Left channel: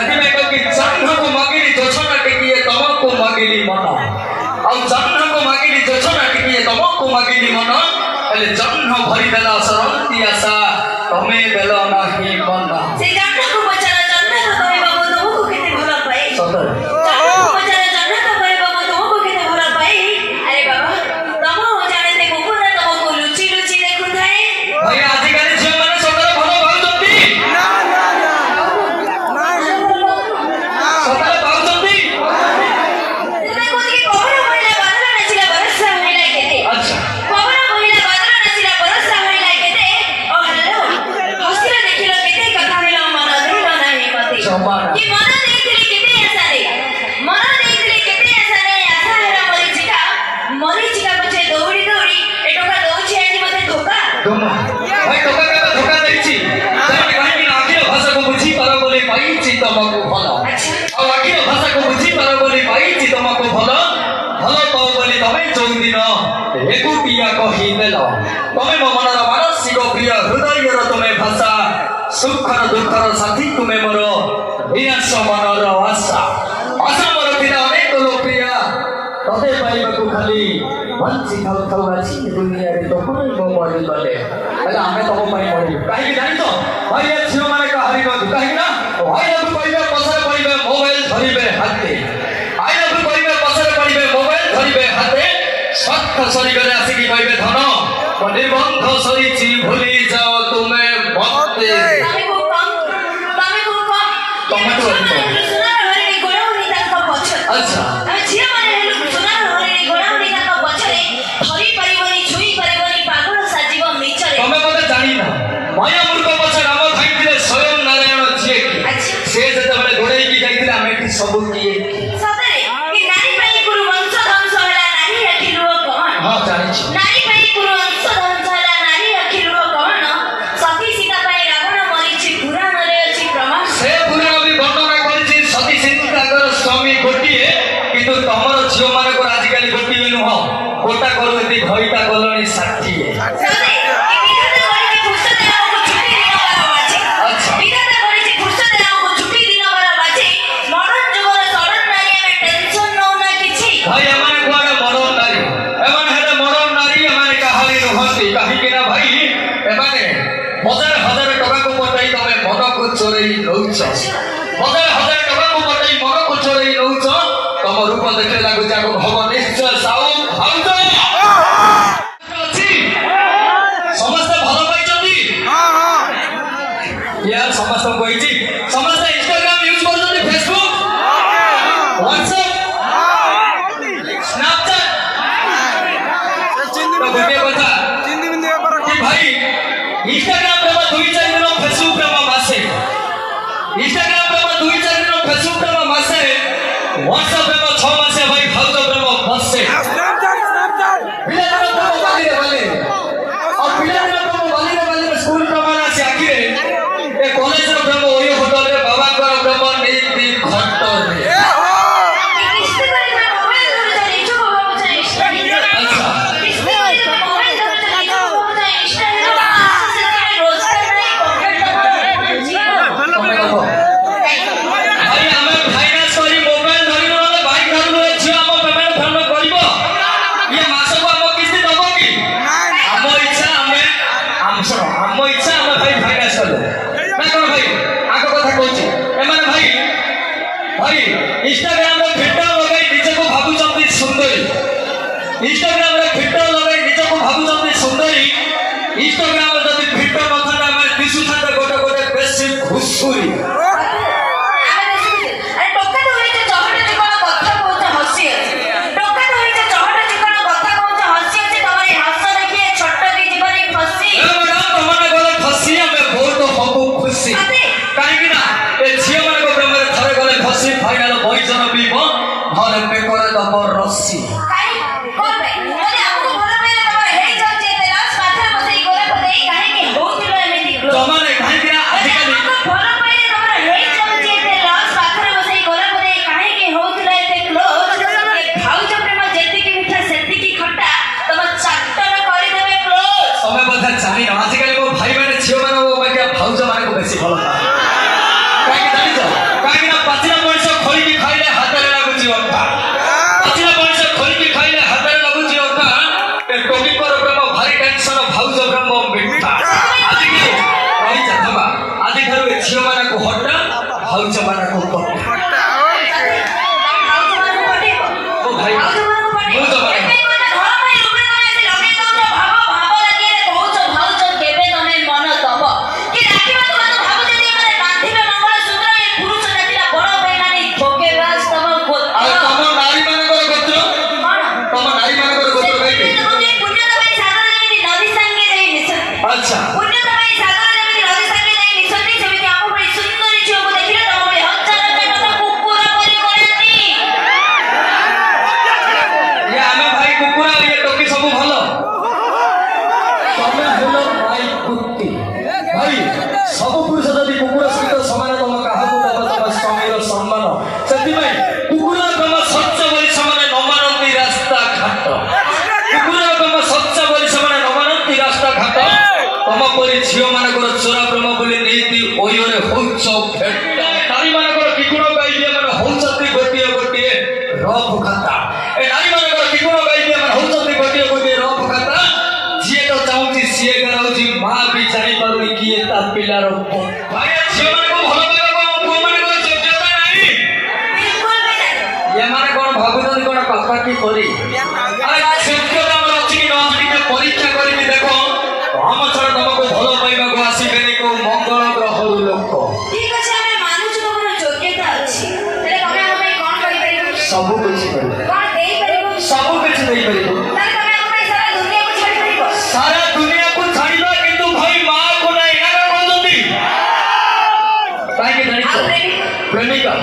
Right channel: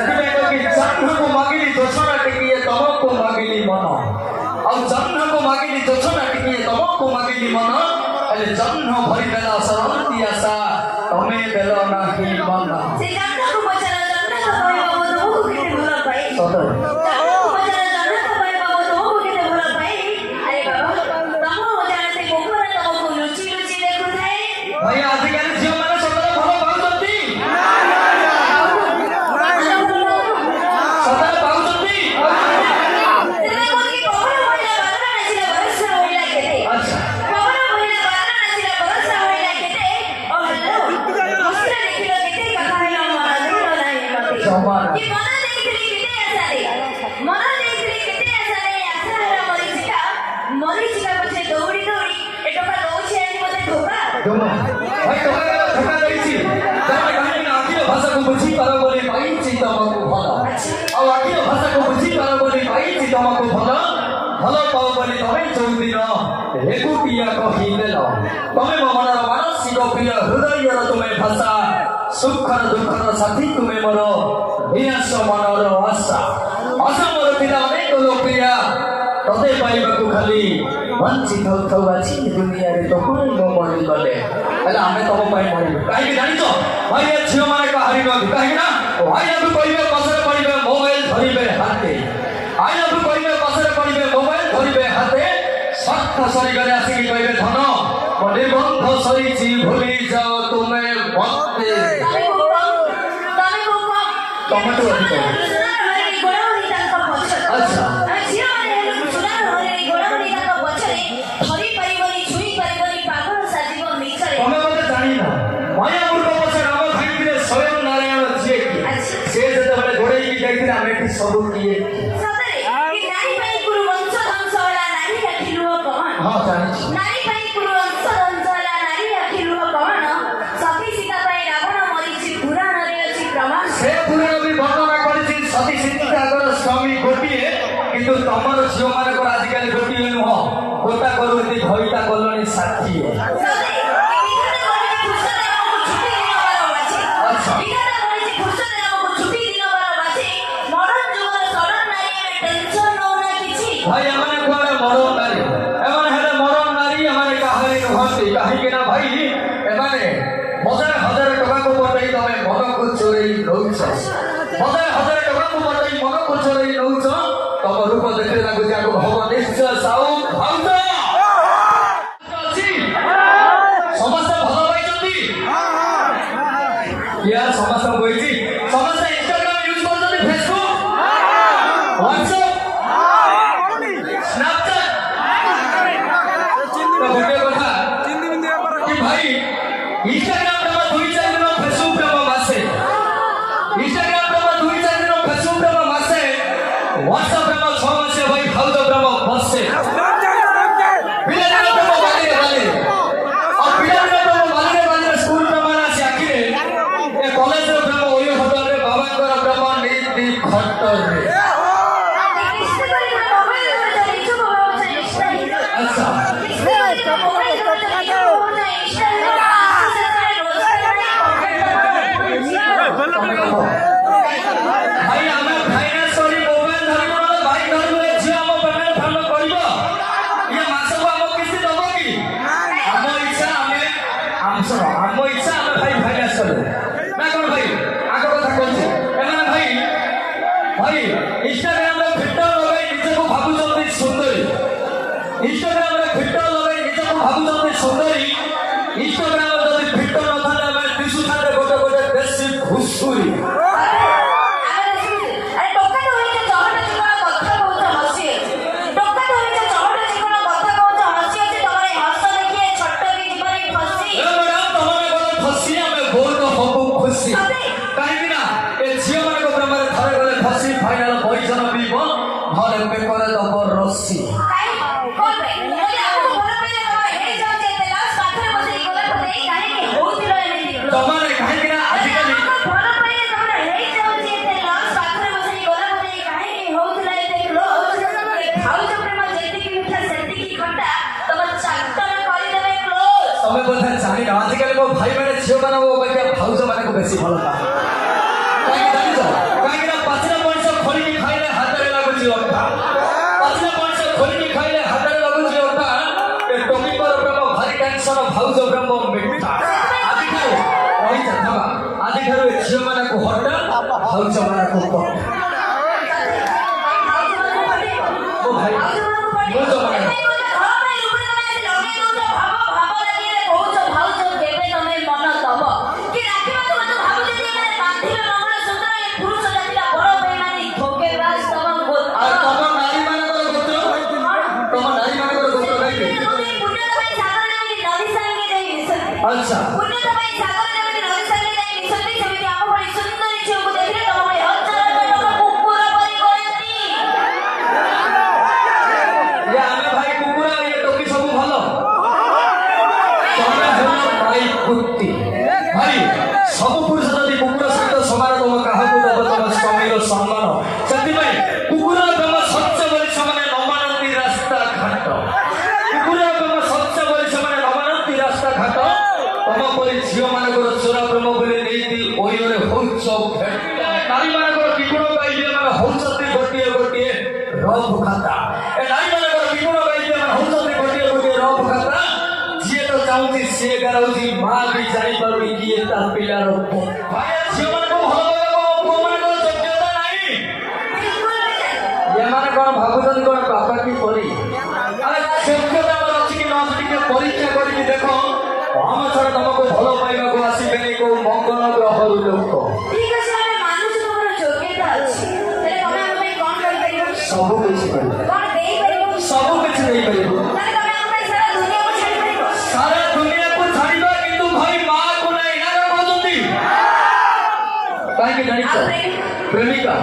ସେଥିପାଇଁ କହିବି ଜହ୍ନକୁ ମାଗିଲି ଯୋଛନା ଟିକିଏ ତମକୁ ମାଗିଲି ମନ ଆଉ ଜହ୍ନକୁ ମାଗିଲି ଯୋଛନା ଟିକିଏ ତମକୁ ମାଗିଲି ମନ ହେଲେ ଜହ୍ନ ଭରିଦେଲା ସରନ୍ତି ଆଶା ତମେ ଦେଲ ନାହିଁ ମନ ସେ ଜହ୍ନକୁ ପଚାର ଜହ୍ନ କହିବ ମୁଁ ତୁମକୁ କେତେ ଭଲ ପାଏ ସତରେ ଜହ୍ନକୁ ପଚାର ଜହ୍ନ କହିବ ମୁଁ ତୁମକୁ କେତେ ଭଲ ପାଏ ଆରେ ବାବା ତମ ଜାଣତେ କୁକୁର ତମକୁ ଲୁଚି ଲୁଚି ଦେଖୁଥାଏ ଭାଇ ଆଜିକାଲି ଝିଅମାନେ ସତରେ ଭଲ ପାଉଛନ୍ତି ସତରେ ପାଉଛନ୍ତି ତୁମେ କହୁଛି ପବନ ମହିଳା ବାଦଲ ନାଚିଲା ବରଷା ହୋଇଲା କେତେ ଆଚ୍ଛା ପବନ ମହିଳା ବାଦଲ ନାଚିଲା ବରଷା ହୋଇଲା କେତେ ଓ ହ୍ୟାଲୋ ହସିଲା ଦେଖିଲ କେତେ କଥା ହେଲ ମନ ଦେଲ ନାହିଁ ମତେ ଜମା କି ମନ ଦେଇଥିଲି କେତେ ଆଶାରେ ମନ ଦେଇଥିଲି କେତେ ଆଶାରେ ଆଶା ହେଲା ମରିଚିକା ପଛେ ଦୌଡ଼ି ଦୌଡ଼ି ଏ ଟଙ୍କା ଦଉଛି ଆଜି ମତେ ଧୋକା ଜମା ଭାଇ ଟଙ୍କା କେବେ ଧୋକା ଦେଇଛି ଜାଣି କାହିଁକି ନା ଆଖିର ଭାଷାକୁ ବୁଝିପାର ବୋଲି ପାଇଛି ତମକୁ ଭଲ ଆଉ ଆଖିର ଭାଷାକୁ ବୁଝିପାର ବୋଲି ପାଇଛି ତମକୁ ଭଲ ଭଲ ପାଅ ବୋଲି ତମେ ଯୋଉଦିନ ଏକୁଟିଆ କହିଦେଲ ତମେ ମୋ ମନର ମାନସିକ ପ୍ରିୟ ହୃଦୟର ତୁମେ ଭାଷା ସୁଖର ଦୁଃଖର ସାଥୀ ତୁମେ ମୋର ବିନାଶ ମନର ଆଶା ଆଶା ମୋର ଥିଲା ଅନେକ ଲୋକପ୍ରିୟା ତତେ ପାଇବାକୁ ଖାଲି ବଞ୍ଚି ଥାଉ ଥାଉ ଆଜି ଦୁନିଆରେ ତ ପୁଣି ମୋ ମରିଗଲେ ହେଲେ ଆମେ ତମ ପାଇଁ ମରିବୁ କାହିଁକି ଜାଣିଛ ଭାଇ ଏ ଝିଅମାନେ କାହାରି ନୁହନ୍ତି କାହିଁକି ନା ଭାଇକୁ କହିବେ ପଛରେ ପଡ଼ିବେ ମୋବାଇଲ ଧରିବେ ହାତେ ଆଇନକୁ କହିବେ ପଛରେ ପଡ଼ିବେ ମୋବାଇଲ ଧରିବେ ହାତେ ସ୍ୱାର୍ଥ ସରିଗଲେ ଆସିକି କହିବେ ଧନ ମୋ ନିର୍ବନ୍ଧ ସରିଛି ଭୁଲି ଯାଅ ତୁମେ ମତେ ତମଠୁ ଅଧିକ ଆଚ୍ଛା ତମେ ମତେ ଜାଣିନ ମାୟା ମୂର୍ଖ ପଛେ ରାମ ଧାଇଁଥିଲେ ସ୍ୱୟଂ ନାରାୟଣ ଯିଏ କି ସେ ଯେତେବେଳେ ଗୋଡ଼େଇକି ଯାଇଥିଲେ ଆମେ ଏଠି ସବୁ କିଏ ହଁ ଜାଣିଛି ସେ ପୁରାଣ ବି ବର୍ଣ୍ଣନା କରିଛି ସତୀ ସୀତାଙ୍କର ସ୍ୱାମୀ ଗୋଟିଏ କିନ୍ତୁ ତମର ଝିଅମାନଙ୍କର ଆଜିକାଲି ଗୋଟିଏ ନୁହଁ ଗୋଟା କରୁ ଏଠି ଘଇଟା କଲଣି 60 ଭାଇ ଏମାନେ କୁଆଡ଼େ ମରଣ ନାରୀ ଏମାନେ ହେଲେ ମରଣ ନାରୀ ଏମାନେ କାହାରି ନୁହନ୍ତି କାହିଁକି ନା ଭାଇ ଏମାନେ ହଜାର ହଜାର ଟଙ୍କାକୁ ପଠେଇ ତମେ ମନକୁ ଚୋରେଇ ନଉଛ ହଜାର ହଜାର ଟଙ୍କାକୁ ପଠେଇ ମନକୁ ଚୋରେଇ ନଉଛ ତମ ରୂପ ଦେଖିଲେ ଲାଗୁଛି ଆକୁ ଭବ ନିଶ୍ଚୟ ସାଉ ଅଛି ସମସ୍ତେ ଭଲ ପାଇଛନ୍ତି ୟାର ସମସ୍ତେ କହିଛି ସମସ୍ତେ ଇନଷ୍ଟାଗ୍ରାମ ୟୁଜ କରୁଛନ୍ତି ଫେସବୁକ୍ ହ୍ୱାଟ୍ସଆପ ସ୍ନାପଚାଟ ଗୋଟିଏ କଥା କି ଭାଇ ଇନଷ୍ଟାଗ୍ରାମ ପ୍ରେମ 2-4 ଦିନ ଫେସବୁକ୍ ପ୍ରେମ ମାସେ ଇନଷ୍ଟାଗ୍ରାମ ପ୍ରେମ 2-4 ଦିନ ଫେସବୁକ୍ ପ୍ରେମ ମାସେ ହ୍ୱାଟ୍ସଆପ ପ୍ରେମ 6 ମାସେ ଭାଇ ଭାଉଜ ପ୍ରେମ ବର୍ଷେ ପିଲାଦିନ ପ୍ରେମ ବାଲିରେ ବାଲି ଆଉ ପିଲାଦିନ ପ୍ରେମ ବାଲିରେ ସ୍କୁଲ ପ୍ରେମ ଆସି ଆଖିରେ ଏ କଲେଜର ପ୍ରେମ ଓୟ ହୋଟେଲରେ ବାବାଙ୍କର ପ୍ରେମ ନୀତି ଘଟରେ ଭାଇ ଆମେ ଫାଇନାନ୍ସ କରି ମୋବାଇଲ ଧରିବୁ ନହେଲେ ବାଇକ୍ ଧରିବୁ ଏ ଝିଅ ଆମ ପେମେଣ୍ଟ ଫେମେଣ୍ଟ କରିବ ଇଏ ମାସକୁ ଆମ କିସ୍ତି ଦବ କି ଆମ ଇଚ୍ଛା ଆମେ ଆମସ ଭାଉଜ ମାନଙ୍କୁ କହ ମୋ ଭାଇ ଭାଉଜ ମାନେ ଆଉ ତମ ନାରୀ ମାନଙ୍କର ଗୋତ୍ର ତମ ନାରୀ ମାନଙ୍କର ଗୋତ୍ର ଗାଇବେ ଆଚ୍ଛା ଇଏ ଆମେ ଭାଇ କୁକୁର ଇଏ ଟୋକି ସବୁ ଭଲ ତମେ ହେଲ ଭାଇ କୁର୍ତ୍ତି ଭାଇ ସବୁ ପୁରୁଷ ଯଦି କୁକୁର ସହିତ ସମାନ ତମ କାହାକୁ ଦେବ ତମ ସ୍ୱାମୀର ସମ୍ମାନ ସେଥିପାଇଁ କୁକୁର ତମ ସତ୍ୟ ବୋଲି ସେମାନେ ନ ମାନନ୍ତି ରାସ୍ତା ଘାଟ କୁକୁର ତମ ସତ୍ୟ ବୋଲି ସେମାନେ ନ ମାନନ୍ତି ରାସ୍ତା ଘାଟ ତମ ପରି ଝିଅ ମାନଙ୍କର ଚୋରା ପ୍ରେମ ବୋଲି ନୀତି ଓୟରେ ହଉଛ ଭେଟ ନାରୀ ମାନଙ୍କର କିଗୁଣ ଗାଇଲେ ମାନେ ହଉଛନ୍ତି ଗୋଟିଏ ଗୋଟିଏ ରଫ୍ ଖାତା ଏ ନାରୀ ମାନଙ୍କର କିଗୁଣ ଗାଇଲେ ମାନେ ହଉଛନ୍ତି ଗୋଟିଏ ଗୋଟିଏ ରଫ୍ ଖାତା ଯିଏ ତ ଚାହୁଁଛି ସିଏ ଗାଉଛି ମା ବି ଜାଣିପାରୁନି କିଏ ତା ପିଲାର ପୁଅ। ଭାଇ ଝିଅ ମାନଙ୍କୁ ଭଲ ପାଇବା କଣ ପୁଅ ମାନଙ୍କର ଯୋଗ୍ୟତା ନାହିଁ ଏମାନେ କଣ ଭାବୁଛନ୍ତି କଣ ପାପା କି କରି ଆରେ ଯୋଗ୍ୟତା ଆମର ଅଛି କି ନ ଅଛି ଟିକେ ପରୀକ୍ଷା କରିକି ଦେଖ ଆମ ଛଡ଼ା ତମକୁ ଭଲ ପାଇବାକୁ ଆସିବେନି କୋଉ ମଙ୍ଗଳ ଗ୍ରହରୁ ଲୋକ ସବୁ କିଛି କରିବେ ସବୁ କିଛି ଦେଇପାରିବ ସାରା ଦୁନିଆକୁ ଛାଡ଼ିବା କିନ୍ତୁ ଭାଇ ମାଆକୁ ନାହିଁ ଏଇଟା କହୁଛନ୍ତି କାହିଁକି ଜାଣିଛ ପ୍ରେମିକା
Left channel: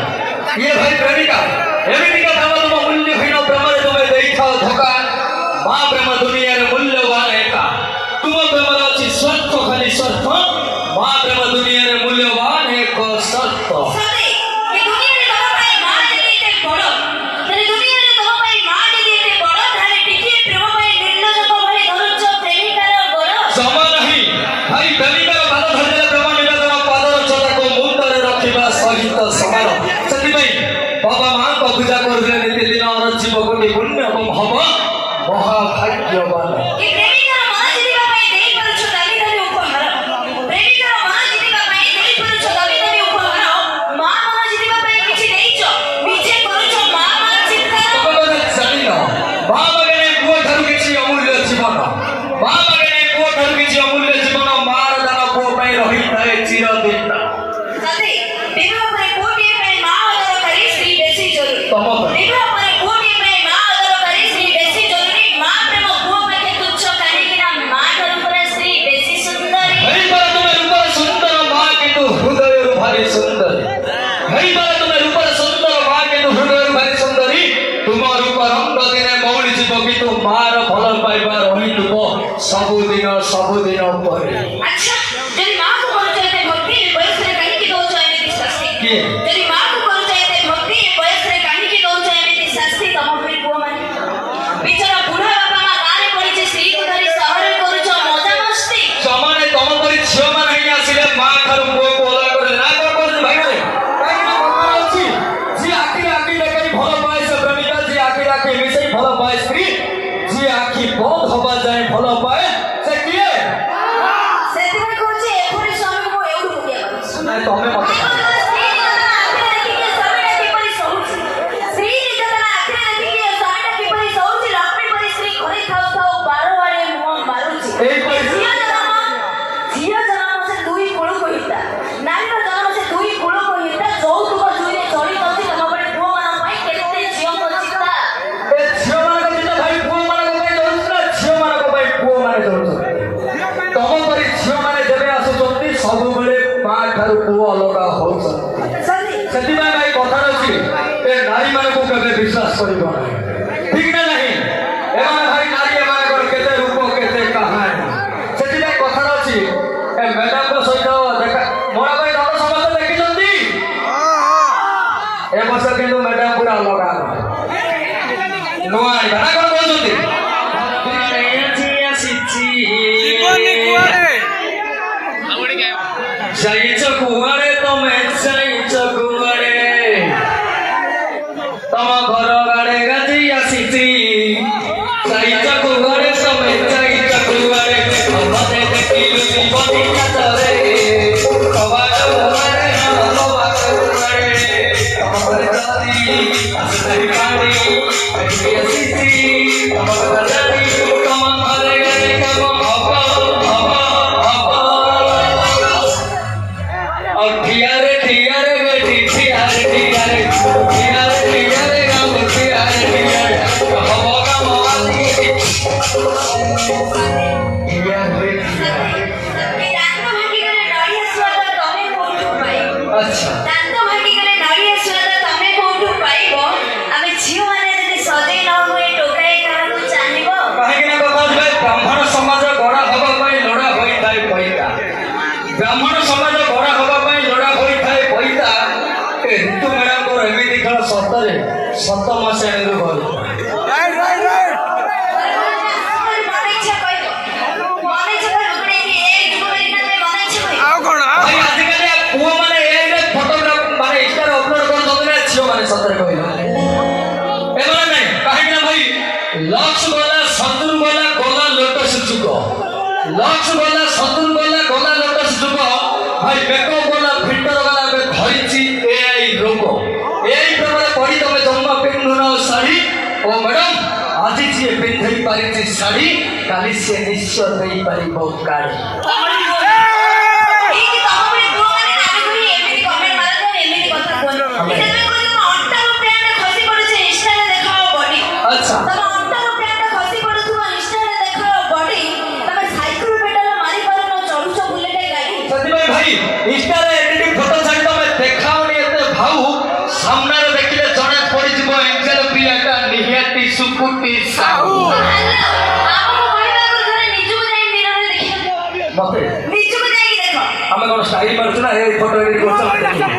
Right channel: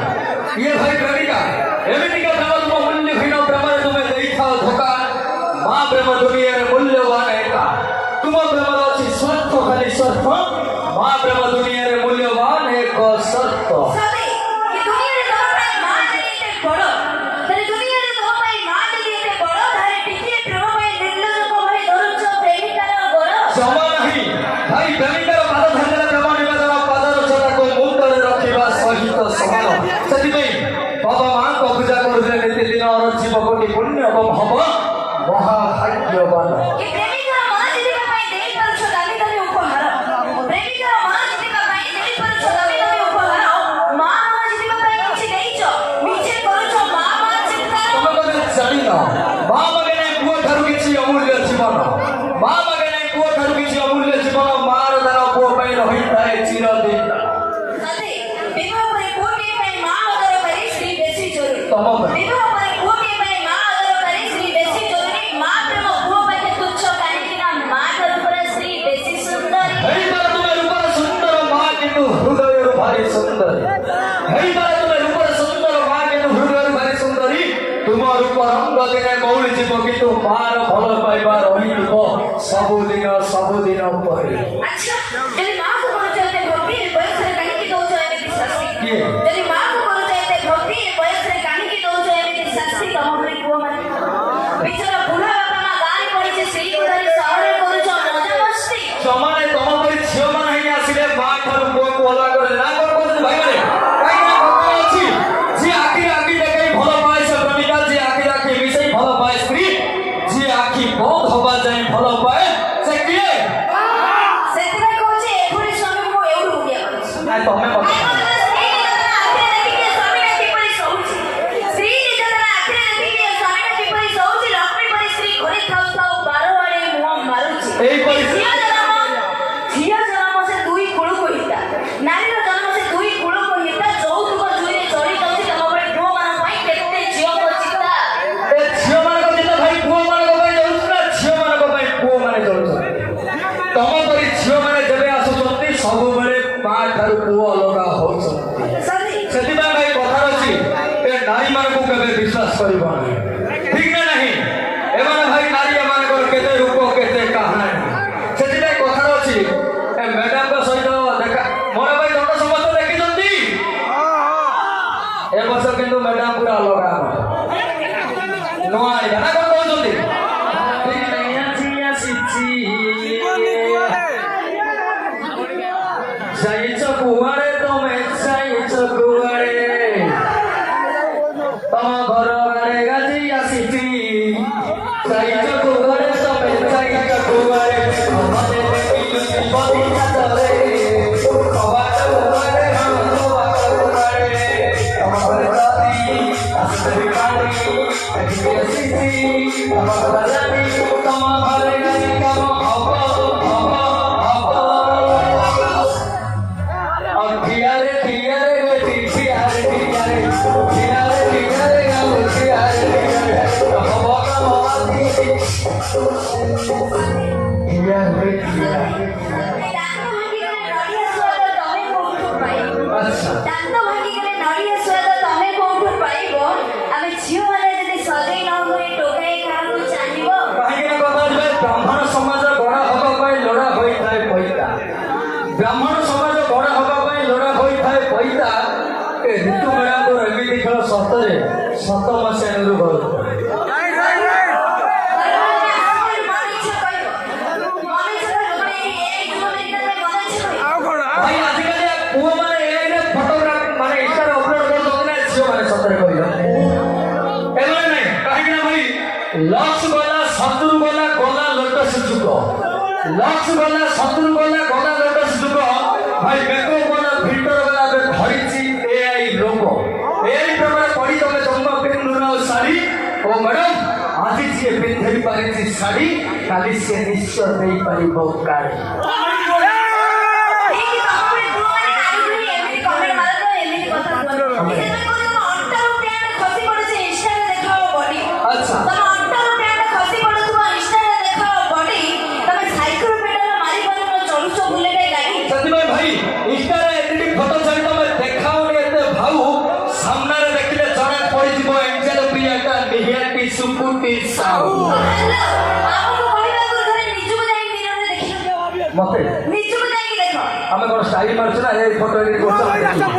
ଇଏ ଭାଇ ପ୍ରେମିକା ଏମିତିକା ପ୍ରେମ ତୁମ ମୂଲ୍ୟହୀନ ପ୍ରେମରେ ତୁମେ ଦେଇଥାଅ ଧୋକା ମା ପ୍ରେମ ଦୁନିଆରେ ମୂଲ୍ୟବାନ ଏକା ତୁମ ପ୍ରେମରେ ଅଛି ସ୍ୱାର୍ଥ ଖାଲି ସ୍ୱାର୍ଥ ମା ପ୍ରେମ ଦୁନିଆରେ ମୂଲ୍ୟବାନ ଏକ ସର୍ତ୍ତ ଜମା ନାହିଁ ଭାଇ ପ୍ରେମିକାର ପାଦ ଧରିଲେ ପ୍ରେମ ନିବେଦନ ପାଦର ଚୋରାକୁ ମୁଣ୍ଡରେ ରଖିବା ସହିତ ସମାନ ସେଥିପାଇଁ ବାବା ମାଙ୍କ ପୂଜା କରୁଥିଲେ ନିତିଦିନ ଅରଜିବ କୋଟି ପୁଣ୍ୟ ଏବଂ ହବ ମହାଭାଗ୍ୟବାନ ତମେ ବୋଧେ ଜାଣିନ ମା ମାଗେଣା ପୁଅ ଠାରୁ କିଛି ଅମୂଲ୍ୟ ଜୀବନ ମା ମାଗେଣା ପୁଅ ଠାରୁ କିଛି ଅମୂଲ୍ୟ ଜୀବନ ମାର ଦାନ ପୁଅ ପାଇଁ ରହିଥାଏ ଚିରଦିନ ତମ ପାଇଁ ହେଇପାରେ ତୁମେ ରୂପର ସୁନ୍ଦର ମା କିନ୍ତୁ ହୃଦୟରୁ ଭାରି ସୁନ୍ଦରୀ ହେଇପାରେ ତୁମେ ରୂପର ସୁନ୍ଦର ମା କିନ୍ତୁ ହୃଦୟରୁ ଭାରି ସୁନ୍ଦରୀ ତୁମ ରୂପ ରଙ୍ଗ ଦିନେ ମଉଳି ଯିବ କିନ୍ତୁ ମାର ଭଲ ପାଇବା ରହିଥିବ ସବୁଦିନ ପରେ କିଏ ସମାନେ ତମ ପରି ଝିଅ ମାନେ ହିଁ ଆସିଲେ ମା ଠାରୁ ପୁଅକୁ ଅଲଗା କରିଲେ ନା କଣ କହୁଛନ୍ତି ଭାଇମାନେ କାହିଁକି ନା କଥା ଅଛି ଯିଏ ଆଖିରେ ଆଖି ଦେଖେଇ ଭଲ ପାଏ ସେ ପ୍ରେମିକା ଯିଏ ଆଖିରେ ଆଖି ମିଶେଇ ଭଲ ପାଏ ସ୍ତ୍ରୀ ଯିଏ ଆଖି ବନ୍ଦ ହବା ଯାଏ ଭଲ ପାଏ ସେ କିଏ ନାଇଁ ତମେ ମତେ ଏଇ ପରିସ୍ଥିତି ଏ ଝିଅମାନଙ୍କ ଚିନ୍ତା ଭାଇ ପୁଅମାନଙ୍କ ପାଇଁ ଯାଉଛି ନା ଝିଅମାନଙ୍କ ପାଇଁ ପୁଅମାନେ ଯାଉଛନ୍ତି ତମ ପରି ଝିଅମାନେ ଯେବେ ଆସୁଛନ୍ତି ସବୁବେଳେ ମା ଠାରୁ ପୁଅ ଅଲଗା ହଉଛନ୍ତି ସେଥିପାଇଁ ଭାଇ କଥା ଅଛି ଏ ନାରୀମାନଙ୍କୁ କେବେ ବିଶ୍ୱାସ କରିବ ନାହିଁ ଠିକ ନା ନାହିଁ ଏମାନେ ଭାଇ ନାରୀ ଏମାନଙ୍କର କେତେ ରୂପ କେତେ କାହାଣୀ ସେଥିପାଇଁ କଥା ଅଛି ଏ ମ୍ୟାଡାମଙ୍କ ସହିତ ଦେଖା ମୋର ଭାଇ ଧନ ସମସ୍ତେ ଦେଖିଛନ୍ତି ଏ ବର୍ଷ କିନ୍ତୁ ମ୍ୟାଡାମ ପୁରା ଅଲଗା ନୂଆ ଆଣିବା ନା କଣ କହୁଛନ୍ତି ଯାଇଛ କୁଆଡ଼େ ତମେ ଯାଇଛ କୁଆଡ଼େ ତମ ଘର ଆଡ଼େ ଗାଜି ଆସିଛି ଯାଇଛ କୁଆଡ଼େ ତମେ ଯାଇଛ କୁଆଡ଼େ ମତେ ଦେଖିଲୁ ଜୀବନୀ ହାତରେ କବାଟ ମୁହଁରେ କବାଟ କ୍ଲିୟର ହୁଏ କ୍ଲିୟର। ଏ ଦାନ୍ତ ଭାଙ୍ଗିଗଲେ ନଡ଼ିଆ ସ୍ୱାଦ ତମେ କୋଉଠୁ ପାଇବ? ଆଚ୍ଛା ଦାନ୍ତ ଭାଙ୍ଗିଗଲେ ନଡ଼ିଆ ସ୍ୱାଦ ତମେ କୋଉଠୁ ପାଇବ? ଆମେ ଝିଅମାନେ ଯଦି ସଜେଇ ନ ହୁଏ ଟୋକାଏ କାହାକୁ ଚାହିଁବ? କାହିଁକି ନା କଥା ହଉଛି ବ୍ରାହ୍ମଣ ସମାଜ ଗଢ଼ା ହବା ପାଇଁ ଲୋଡ଼ା ହୋଇଥାଏ ପଇତା। ବ୍ରାହ୍ମଣ ସମାଜ ଗଢ଼ା ହବା ପାଇଁ ଲୋଡ଼ା ହୋଇଥାଏ ପଇତା। ଏ ଋତୁମେଳାଙ୍କର ଏମିତି ଖେଳ ସତରେ ସତ ମଶେଣରୁ ଘର। ଭାଇ ଆଜିକାଲି ପୁଅମାନେ ଏଆଇରେ ଫଟୋଗ୍ରାଫ ମାନେ ଇନଷ୍ଟାରେ ଅପଲୋଡ କରୁଛନ୍ତି ନା ଝିଅମାନେ ସତରେ କହିଲ ଏମାନେ ନାହିଁ। କାହିଁକି ନା ଭାଇ ଲକ୍ସ ଗଲା ସତୁରୁ ଗଲା ଗଲା ଲୋଟସ ଯୁଗ। ଲକ୍ସ ଗଲା ସତୁରୁ ଗଲା ଗଲା ଲୋଟସ ଯୁଗ। ଭାଇ ବେକ ଗଲା ଫିଲ୍ଟର ଗଲା ଏବେ ଧରିଛି ଏଆଇ ରୋଗ। ଏଆଇ ପ୍ରେମରେ ପଡ଼ି ତମେ ଜନ୍ମ ପିନ୍ଧୁନ ଶାଢ଼ୀ। ଓ ମ୍ୟାଡମ ଆଜି ଯିଏ ପିନ୍ଧେଇ ପାରିଛି ଶାଢ଼ୀ କାଲି ସେ ନିଶ୍ଚୟ ଦେଇପାରିବ ଗାଡ଼ି। ସେଥିପାଇଁ ଭାଇ ଇନଷ୍ଟାରେ ଏଡିଟିଂ ଫଟୋ ଛାଡ଼ି ତମେ ଦେଖାଅନି ଏତେ ଭାଉ। ସାମ୍ନାରେ ଦେଖିଲେ ଜଣା ପଡ଼ିଯିବ ଏଞ୍ଜେଲ ପ୍ରିୟାଟା ନିହାତି ସୁକୁଟି ସାହୁ। ମତେ ଆମେ କଣ ଷ୍ଟାଇଲ ମାରୁଛୁ ନା ଏଇ ଫଟୋ ଏଡିଟ କରୁଛୁ ଆମେ ଦେଖିବୁ।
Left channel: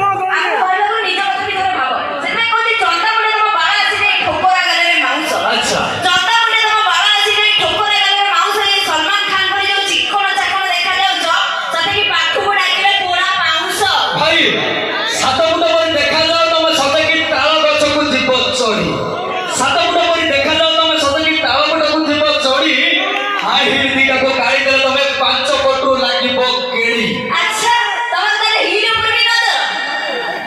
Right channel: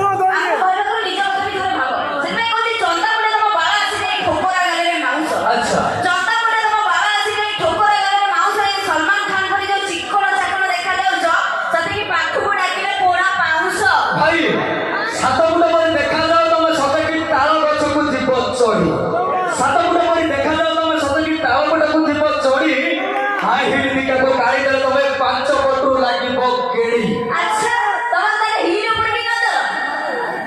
ଆଚ୍ଛା ଭାଇ ସାତ ଫୁଟ ପରି ଦେଖାଯାଉ ତମେ ସତକି ତାଳ ଗଛକୁ ଯିବ ଚଢି। ସାତ ଫୁଟ ପରି ଦେଖାଯାଉ ତମେ ସତକି ତାଳ ଗୁଡାକୁ ଯିବ ଚଢି। ହାଇ ହିଲ୍ ଦିଟାକୁ ଗାଳି ଦେଲେ ତମେ 5 କୋଟି ଲାଗିବ କେଳି।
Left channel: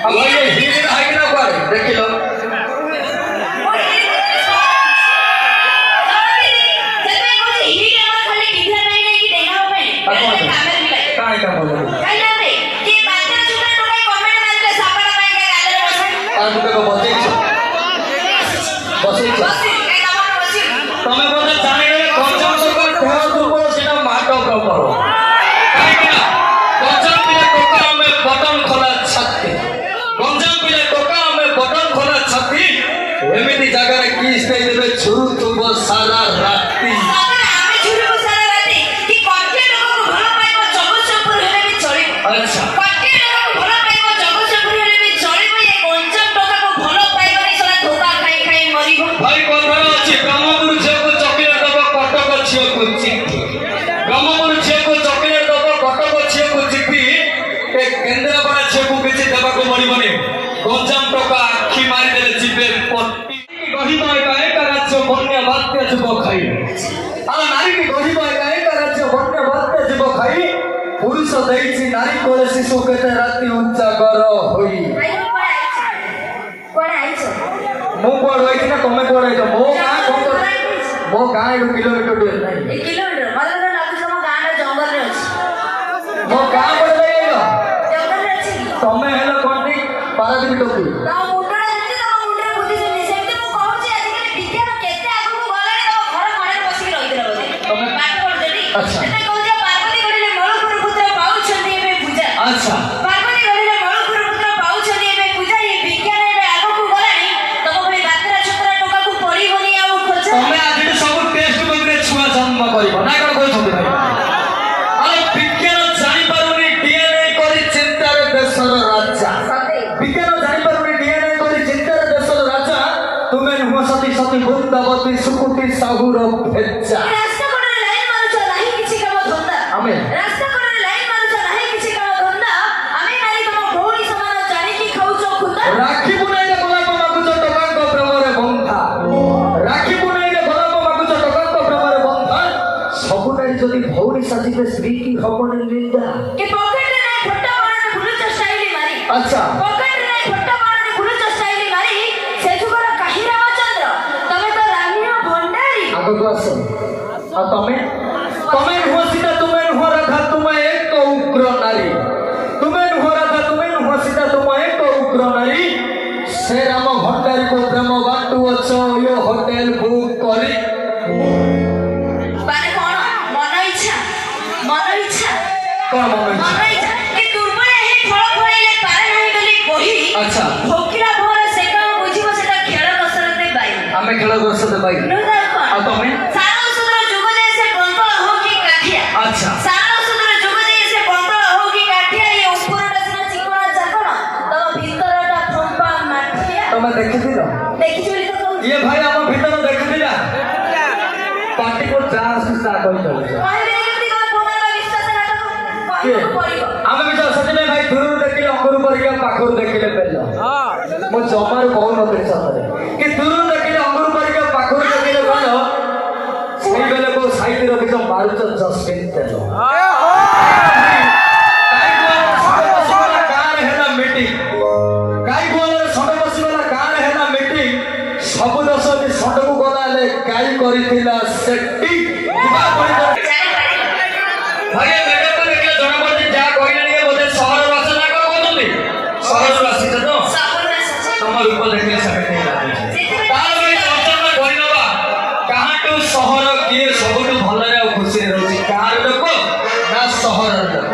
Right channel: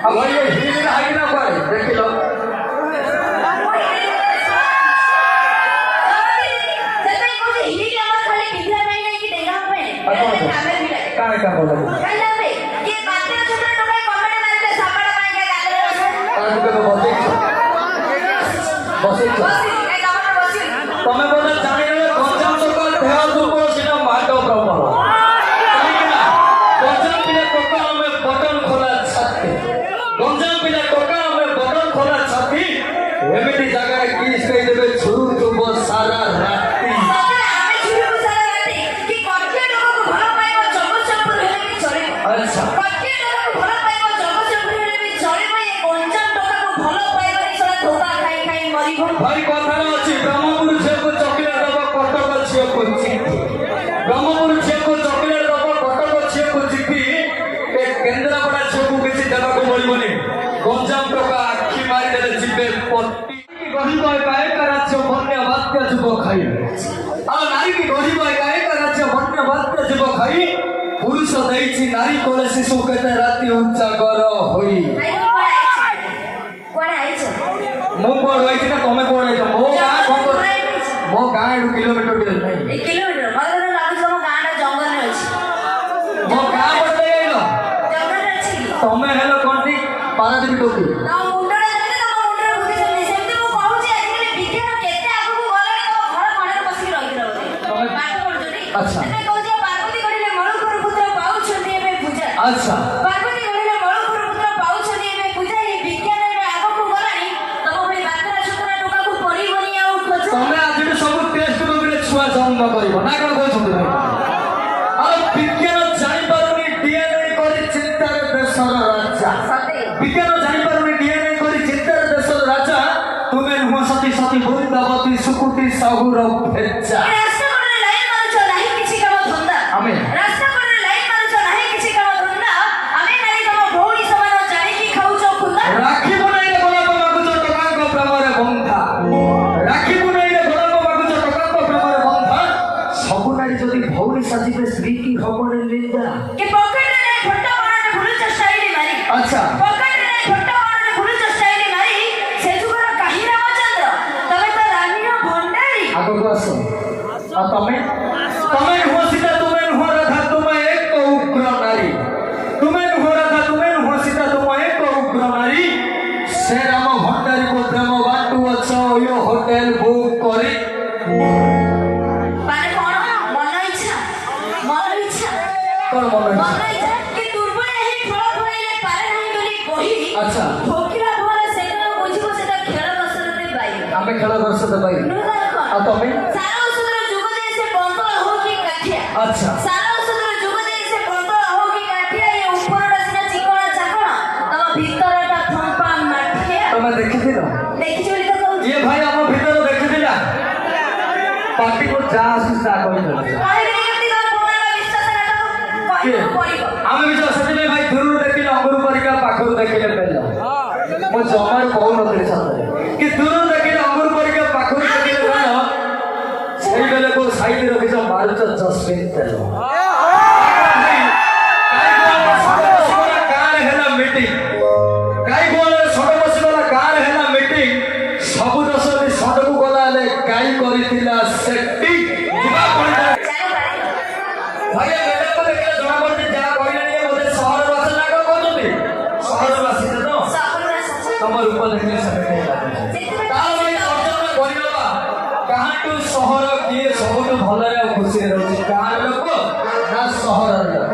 ଆଉ ଭାଇ ଏ ହିଲ୍ ହାଇଟ୍ ନା କୁଆଡେ ଦେଖିଲ? କାଇଁ କାମ ଲାଗୁ ତାକୁ କେବେ ବସେଇଛ ବସେଇଛ ତମେ ବୋଧେ ଜାଣିଲେ ଗଞ୍ଜାମ ଲୋକ ଦେହ ଦୁର୍ବଳ ସେଟା ମାଟ ପ୍ରବଳ। କାହିଁକି ନା ଗଞ୍ଜାମ ପିଲା ଟୋକା ଆମେ ବଟନ ଖୋଲା ଛାତି। ଗଞ୍ଜାମ ପିଲା ଟୋକା ଆମେ ବଟନ ଖୋଲା ଛାତି। ଏମିତି ଜାଗାରେ କିସ୍ ଦେଇଦେବେ ଛୁରୁଥିବ ସାରା ରାତି। ଆଚ୍ଛା ଭାଇ କଥାରେ ଅଛି ବ୍ରହ୍ମପୁର ଝିଅକୁ ଚକଲେଟ ଦବ କଟକ ଝିଅକୁ ଚିଠି। ବ୍ରହ୍ମପୁର ଝିଅକୁ ଚକଲେଟ ଦବ କଟକ ଝିଅକୁ ଚିଠି। ଏ କେନ୍ଦ୍ରାପଡ଼ା ଝିଅକୁ କିଛି ଦେବାକୁ ପଡ଼ିବନି। ଗଞ୍ଜାମ ଟୋକା ଆଖି ମାରିଦେଲେ ଯିବେ ପଟି। ଗଢ଼ିବ ଏକା ଏକା ରାଜ୍ୟ ବନ୍ୟା ବାତ୍ୟା ଯୁଗ ଖାଇ। ଆଉ ନାରୀକି ଗଢ଼ିବ ଏକା ଏକା ରାଜ୍ୟ ବନ୍ୟା ବାତ୍ୟା ଯୁଗ ଖାଇ। ପୁରୁଷ ଦେଇଛି ନାରୀ କୋଳେ ଶିଶୁ କେତେ ରାତି ଉଜାଗର ହୋଇ। ମୁଁ କୁଆଡେ ରହିଛି ନା ତମେ କୁଆଡେ ରହିଛ? ମୋ ଗାଁ ଏଠୁ କିଲୋମିଟର ନାହିଁ। ମୋ ଗାଁ ପଟେ ଯାଇନ ତମେ ହେଲ କଣଟି ପାରାଦୀପ ଟୋପି। ଆଚ୍ଛା ଆଚ୍ଛା ତମେ ଆଜିଠୁ ସବୁ ଟେଷ୍ଟ ବୁକରେ ଛୁଆ ଜନ୍ମ କରିବ ନା କଣ କହୁଛନ୍ତି ଭାଇ? ଆଉ ବିଜ୍ଞାନ ଜାଣିପାରୁନି DNA କରି ଚିନ୍ତାରେ ଦେଶର ରାଜା। ବିଜ୍ଞାନ ଜାଣିପାରୁନି DNA କରି ଚିନ୍ତାରେ ଦେଶର ରାଜା। ତୁମେ ନୁହଁ ସତୀ ସତୀ ବୃନ୍ଦାବତୀ ସୁକୁଟି ସାହୁର ଭେଜା। ଆମେ ରାକ୍ଷୀ ବୁଣାଇରେ ଗୋଲାପ ମାଗୁଛ ଟୋକାଙ୍କ ପ୍ରେମରେ ବନ୍ଧା। ରାକ୍ଷୀ ବୁଣାଇରେ ଗୋଲାପ ମାଗୁଛ ଟୋକାଙ୍କ ପ୍ରେମରେ ବନ୍ଧା। ସବୁ ନାରୀ ଯଦି ଭଉଣୀ ସାଜିବେ ସ୍ତ୍ରୀ କି ହବନି ନିନ୍ଦା। ଆଚ୍ଛା ଆଗକୁ ଆସ। ଆଉ ତମେ ତମେ ନୁହଁ ସୀତା ତୁମେ ନୁହଁ ରାଧା ତୁମେ ଏକ ଉଗ୍ର ନାରୀ। ତୁମେ ନୁହଁ ରାଧା ତୁମେ ନୁହଁ ସୀତା ତୁମେ ଏକ ଉଗ୍ର ନାରୀ। ସେ ରାମ ଭଣ୍ଡାରୀକୁ ପ୍ରେମ ବାଟୁ ଅଛ ହୋଟେଲ ବୁକ୍ କରି। ଖେଳ ବର୍ଷ ଭାଇ ଆଉ ତମେ ସାର ଔଷଧର ଯୁଗ ଦେଇ ସେ ବନ୍ତଳ ହଉ କି କାଠିଆ ଆଚ୍ଛା ସାର ଔଷଧର ଯୁଗ ଦେଇ ସେ ବନ୍ତଳ ହଉ କି କାଠିଆ ଏ ଉପରଟା ସିନା ଚିକଣା ଚାକଣା ତମ ଭିତରଟା ଫମ୍ପା ମାଠିଆ ତମେ ଦେଖିଥିଲ ଦେଖିଛୁ ବୋଲି ତ କହୁଛି ଇଏ ଭାଇ ଆମ ଭିତର ଦେଖିଥିଲା ପାଟିକୁ ଯାହା ଆସୁଛି ତା କହିଦେଉଛି କହିବେନି କେମିତି ତମ ପୁଅମାନଙ୍କ ବିଶ୍ୱାସ ନା କିଏ? କହିବାକୁ ପଡ଼ିବ ଆମେ ବି ସେଥିପାଇଁ ଭାଇ ଦୂରରୁ ଦେଖିଲେ ଅଙ୍ଗୁର ପରିକା ପାଖରୁ ଦେଖିଲେ ବେଲ ମୁଁ ଜମାରୁ କହୁନଥିଲି ସତରେ କି ଦୂରରୁ ଦେଖିଲେ ଅଙ୍ଗୁର ପରିକା ପାଖରୁ ଦେଖିଲେ ବେଲ ସେଇ ବେଲକୁ ସାଇଡ୍ ରଖିଛ ମାରୁଛ ଜସ୍ମିନ ତେଲ ଗାଁରେ ହେଲା ମିଟିଂ ଗାଈ ଗୁହାଳରେ ଷଣ୍ଢ ବସିଗଲା ଗାଁରେ ହେଲା ମିଟିଂ ସବୁ ଦୋଷ ଷଣ୍ଢକୁ ଗଲା ହେଲେ ଗାଈ କରିଥିଲା ସେଟି ଭାଇ ମ୍ୟାଡାମ ଦେଖିଲେ ଜଣାପଡୁଛି ଯାହା କହିଲେଣି ବୋଧେ ସହରରୁ ଆସ ନା କଣ କହୁଛନ୍ତି ସହରରୁ ଆସିଛ ତ ତମ ରୂପ ଦେଖିଲେ ସେମିତି ତାହେଲେ ଚର୍ଚ୍ଚା କରିନବା କାହାଠୁ ସହର କିଏ ସବୁଠୁ ଭଲରେ ଆଉ ଖୁସିରେ ରହୁଛି ଗାଁର ଲୋକ ନା ସହରର ଲୋକ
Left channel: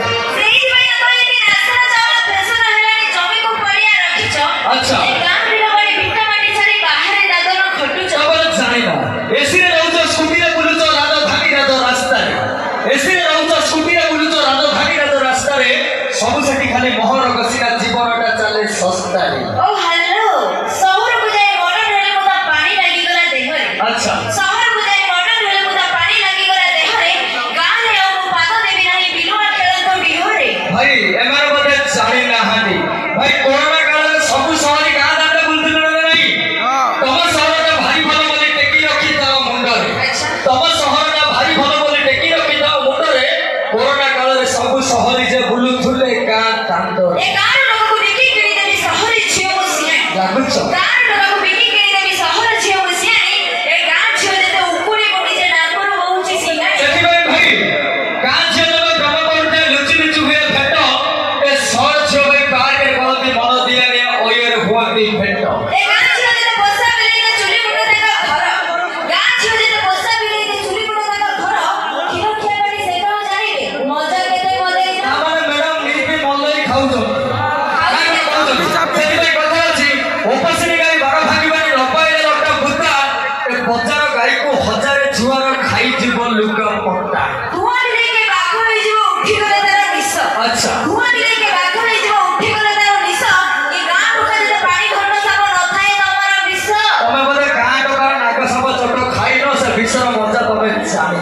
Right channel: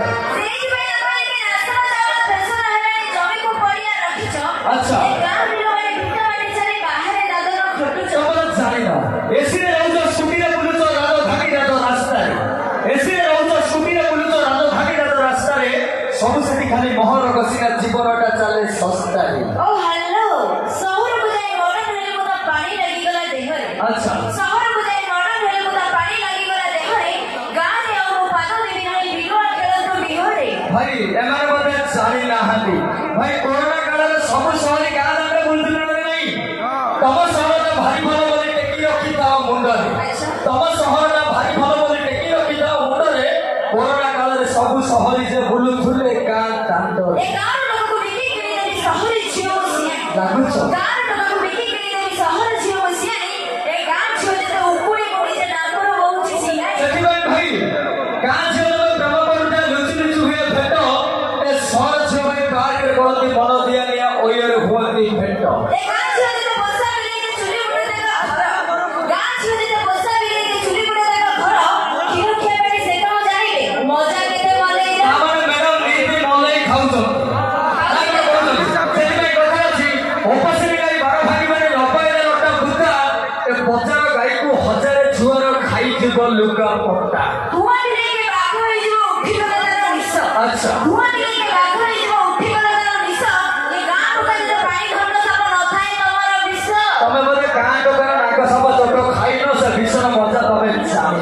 ଆଚ୍ଛା ଜାଣିବା ଏସିରେ ରହୁଛ ସ୍କୁଟିରେ ବୁଲୁଛ ରାଜଧାନୀ ରାଜ ରାସ୍ତାରେ ଏସିରେ ରହୁଛ ସ୍କୁଟିରେ ବୁଲୁଛ ରାଜଧାନୀ ରାଜ ରାସ୍ତାରେ ସବୁ ସେଠି ଖାଲି ମୋହର କସିନା ଜୀବନଟା ଚାଲେ ଶସ୍ତାରେ ଆଚ୍ଛା ଭାଇ ଏମାନେ ବୋଧେ ଜାଣି ନାହାନ୍ତି ଭାଇ କରୋନା କାଳରେ ସବୁ ସହରୀ ଗାଁ ଦାଣ୍ଡ ବୁଲୁଥିଲେ ନା ନାହିଁ ତମ ସହରଟା ଭାରି ଭଲ ବୋଲି ଟେକି ରଖିଥାଅ ମୁଣ୍ଡରେ ତମ ସହରଟା ଭାରି ଭଲ ବୋଲି ଟେକି ରଖିଥାଅ ମୁଣ୍ଡରେ କରୋନା କାଳରେ ସବୁ ସହରୀ ଯେ ବୁଲୁଥିଲେ ଗାଁ ଦାଣ୍ଡରେ ଲାଗୁଛ ସେଥିପାଇଁ ଭାଇ ଗାଁ ଝିଅ ଯେବେ କାମ କରୁଥାଏ ଲୁଚି ଲୁଚି ହୁଏ ଭେଟ ଏ ସହର ଝିଅ ଭାଇ ବାହାରେ ଗଳତି ମନ ଦିଆ ନିଆ ଓୟରେ ହୁଅନ୍ତି ଭେଟ ତାମାନେ ମ୍ୟାଡାମ ନିଜେ ମଲେଇ ଖାଉଛନ୍ତି ସେଥିପାଇଁ କଥା ଅଛି ଉପାସୀ ଗାଈ ବାର ଭାଙ୍ଗିବାରେ ଲପାଇଲେ ଲଟା ବୁତା ଏ ବଜାର ଗାଈକୁ ହଜାରେ ଛୁଆର ଖାଇଯିବ ଲୁଗା ପଟା ଆଚ୍ଛା ତମେ ବୋଧେ ଗାଁ ଟୋକାର ନାଗ ସାପ ଚଟ ଖାଇନ ସେ ବିଷର ମଜା ତମେ ଜାଣି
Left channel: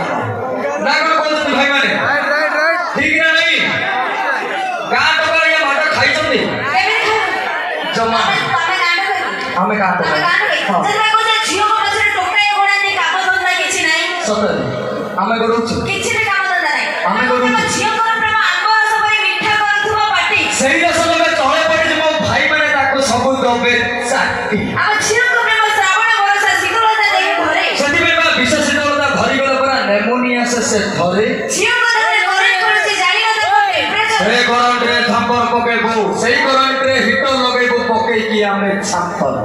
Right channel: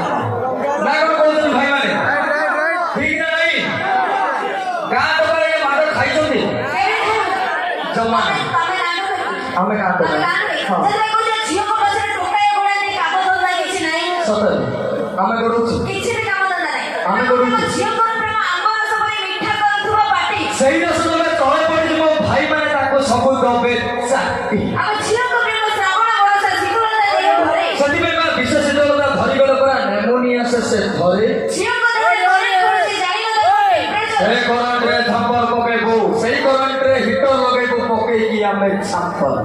ନା କଣ କହୁଛନ୍ତି ଭାଇମାନେ ଠିକ ନା ନାଇଁ ଗାଁ ଟୋକାର ଏ ମାଡ଼ ଖାଇଛନ୍ତି ଜମା ଆମେ ଗାଁ ଟୋକାର ସତରେ ଆମେ ଗଡ଼ୁଛୁ ଆମେ ଗଡ଼ୁଛୁ ସେଇ ଦଶ ଲୋକ ତଳେ ପଡ଼ିଯିବ ଭାଇମାନେ ତାକୁ ସବୁ ଦବେ ଚାଟି ସେଥିପାଇଁ ବା ବିଷ ଶୀତଳତା ଧରିଗଲା ପରା ନେମୋନିଆ ସେ ଧରେ ସେ କରେଣ୍ଟରେ ଥାମ୍ପର ପକେଇବୁ ସେଇ କରେଣ୍ଟରେ ହିଟର ଲଗେଇବୁ ପକେଇକି ଆମେ ଛାମ୍ପର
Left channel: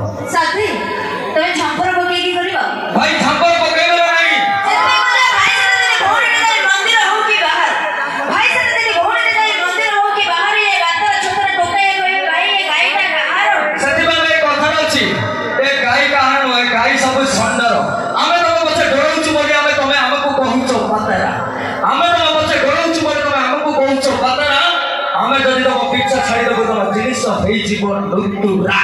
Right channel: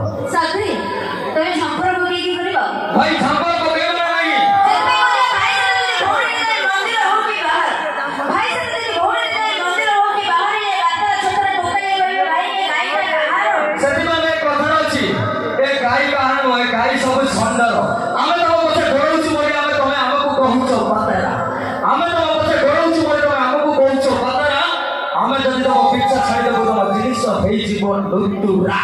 ଭାଇ ଥାମ୍ପର ପକେଇବ ନା ନାହିଁ ସେଥିପାଇଁ ଏ କଥାର ଅଛି ଏ ଗାଈ କାହାର ନୁହେଁ ଗାଈ ସବୁ ଷଣ୍ଢର ଆମେ ତମ ପଛେ ଗୋଡ଼ଉଛୁ ବୋଲି ଆମେ ତମେ ଆମକୁ କହୁଛ ପାତେରା ଆମେ ତମ ପଛେ ଗୋଡ଼ଉଛୁ ବୋଲି ତମେ ଆମକୁ କହୁଛ ପାତେରା ଆମେ ଯଦି ତମ ପିଛା ଛାଡ଼ିଦେବୁ ତମ ଜିନିଷ ହେଇଯିବ ଲୁଟୁରା